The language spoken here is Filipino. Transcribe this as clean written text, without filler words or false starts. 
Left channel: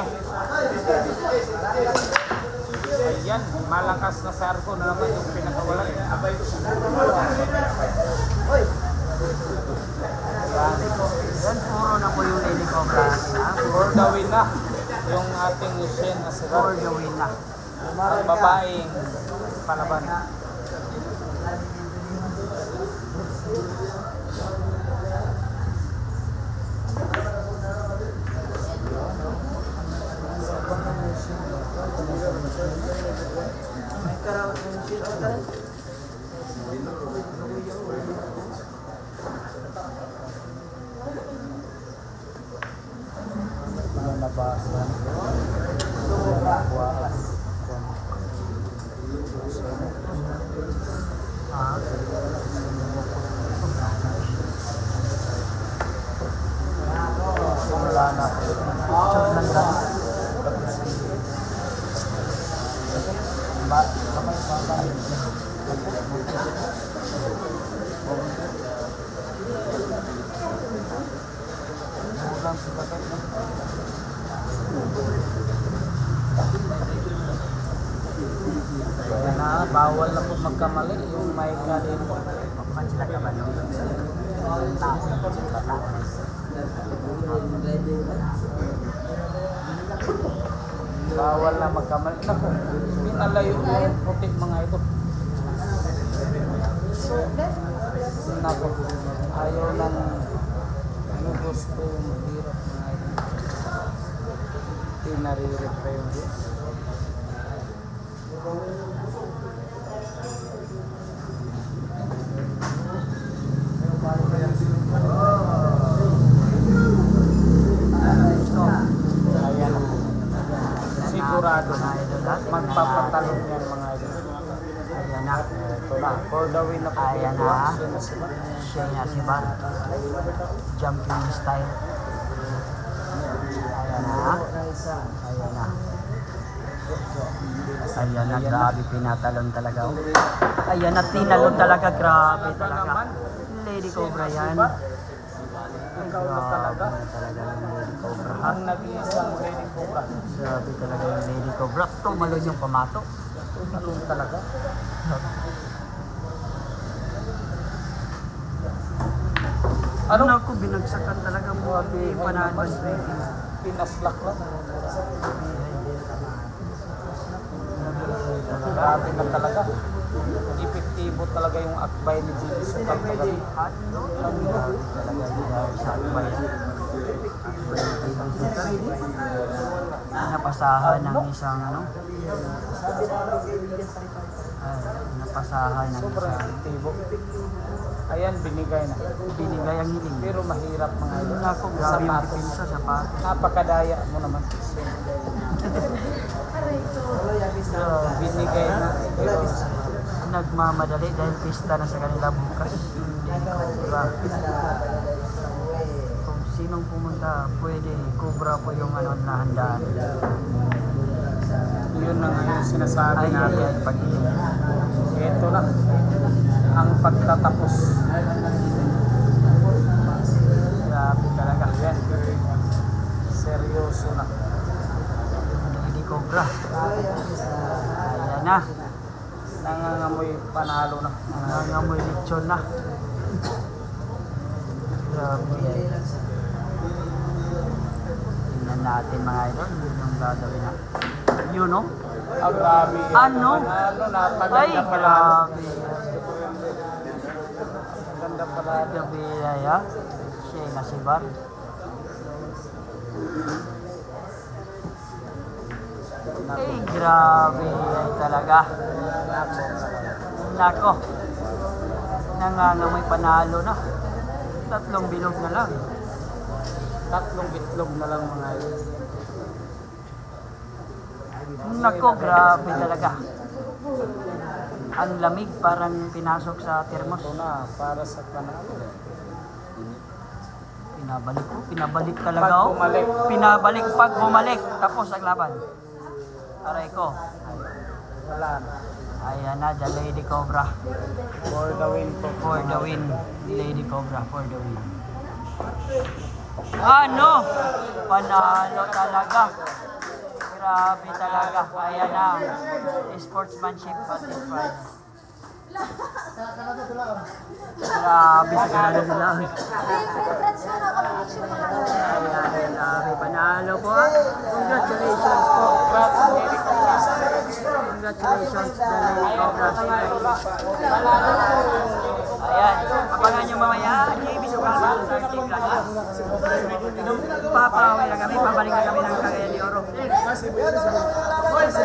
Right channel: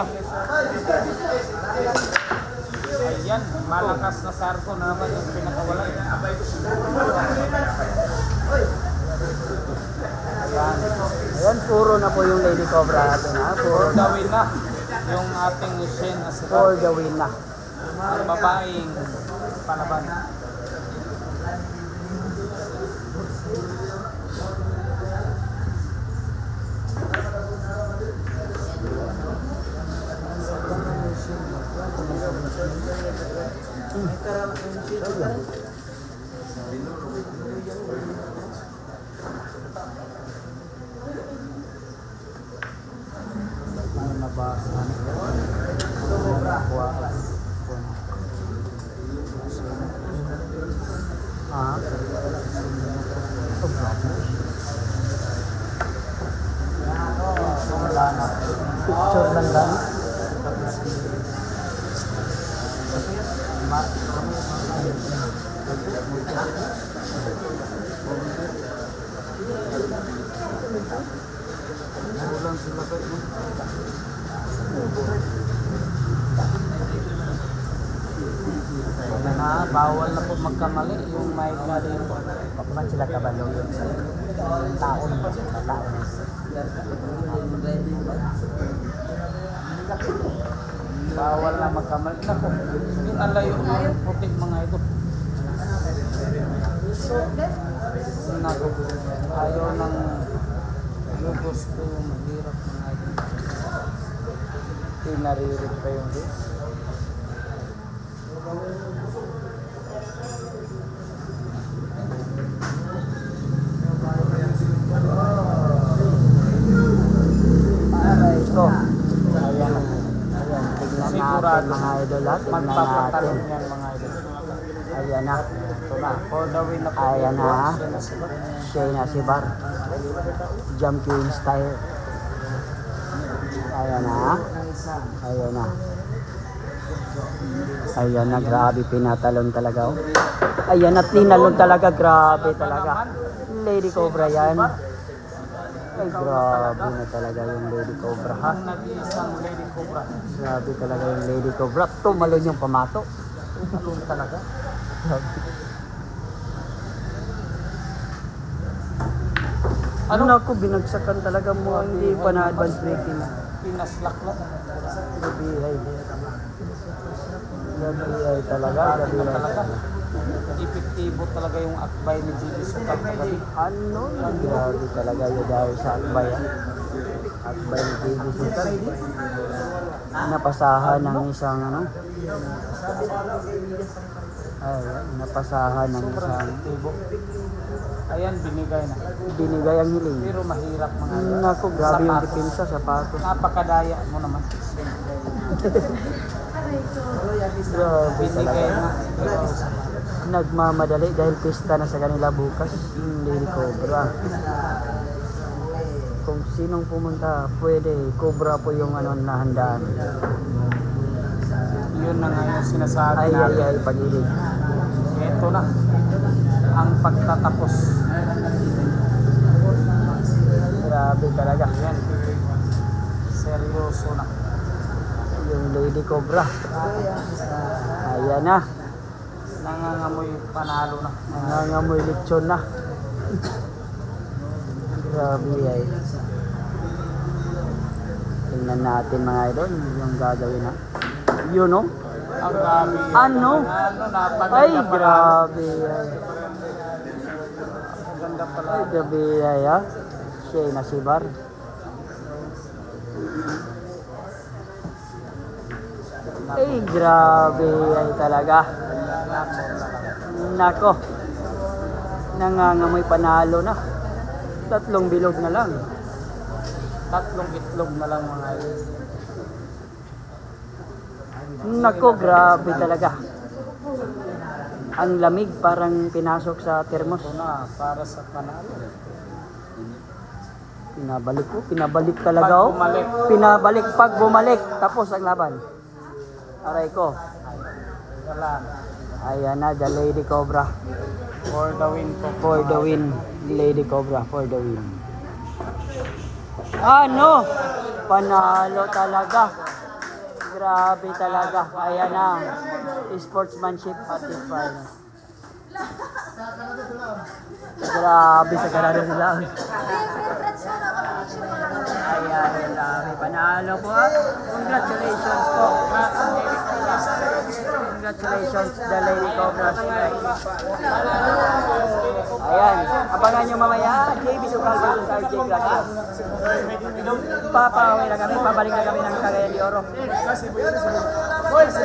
na. Ayan, malakas na sarko na naman yung pinakawalan. Yan, puro na po yung Lady Cobra natin, ha? For the win na yung ating Shen Asira. For the win na. Ang babaeng palaban. Bawal na po magkamali yung may galing po. Sila ka ba yung Bawal na magkamali. Naku, pinalayo yung putik mga ito. Naku, ayaw ng gusto mahirap mga ito. Pinaririt pa yung Diyos. Sigurado mga idol at magpapatalong yan mga idol. Ayan na. Ito na, for the win na po. Ayan na. Siya na sila. Shayna Sibar. Jump Queen style. Ayan na. Ayan na. Ayan na, grabe pinatalon talaga. Ayan na, tinalon talaga, grabe talaga. Lady Cobra yan. Ay, grabe na talaga yung Lady Cobra, ha? Ang nag-iisang Lady Cobra. Grabe talaga yung Lady Cobra. Tumalon yung pamato. Alun talaga. Ano na ako, binagsakan talaga mo. Hindi pa na advance breaking. Pinaslak lang. Grabe talaga. Grabe na talaga. Epektibo talaga yung akbay ni Jimmy Sukal kagabi. Ano? Ang grabe talaga yung dahil sa akbay. Akbay ni Baby Sultan. Napasahan ng isang ano? Ay, napasahan ng Sobrang isang epektibo. Ayan, binigay na. binigay ang hiling. Pero mahirap mga ito. Naku, grabe yung Sapatos. depensa sa pato. Napakadaya mo naman. Binigay na. Pero Nagmamadali dahil pista na sa kanila bukas. Yung Lady Cobra. Kung sinong pumunta, pwede. Cobra po yung ano nahandaan. yun na nga yung sinasabi Ay, natin. ay, pag-ibig. Ito na ang pagtatapos. Grabe talaga. Yan. Seryoso na. Yung Lady Cobra. Ayan na. Nangangamoy panalo na. Nangangamoy lechon na. Grabe ay. Tingnan natin mga idol yung gagawin na. Yun no? Ang grabe. Ano? Ay, Napaganda pala. grabe. Ganda pala. Ay, grabe ay ha. Shayna Sibar. Ay, grabe ay talaga. Nako. Nangangamoy panalo na. 3 bilog na lang. 3 itlog na lang mga idol. Nako, grabe talaga. Ang lamig parang pinasok sa termos. Ito na para sa panalo. Pinabalik talaga Pag oh. bumalik. Pinabalik pag bumalik. Tapos ang laban. Aray ko. Wala na. Ayan na, the Lady Cobra. For the win po. For the win. Lady Cobra for the win. Ano? Panalo talaga. Grabe talaga. Ayan na. Sportsmanship at the final. Grabe sa karado sila. Ayan, grabe. Panalo po. Congratulations po. Congratulations, the Lady Cobras. Ayan. Abangan nyo mamaya. JB Sugal po sa RJ Gracias. Papawi na kami. Pabalik na kami ng Calelli Oro.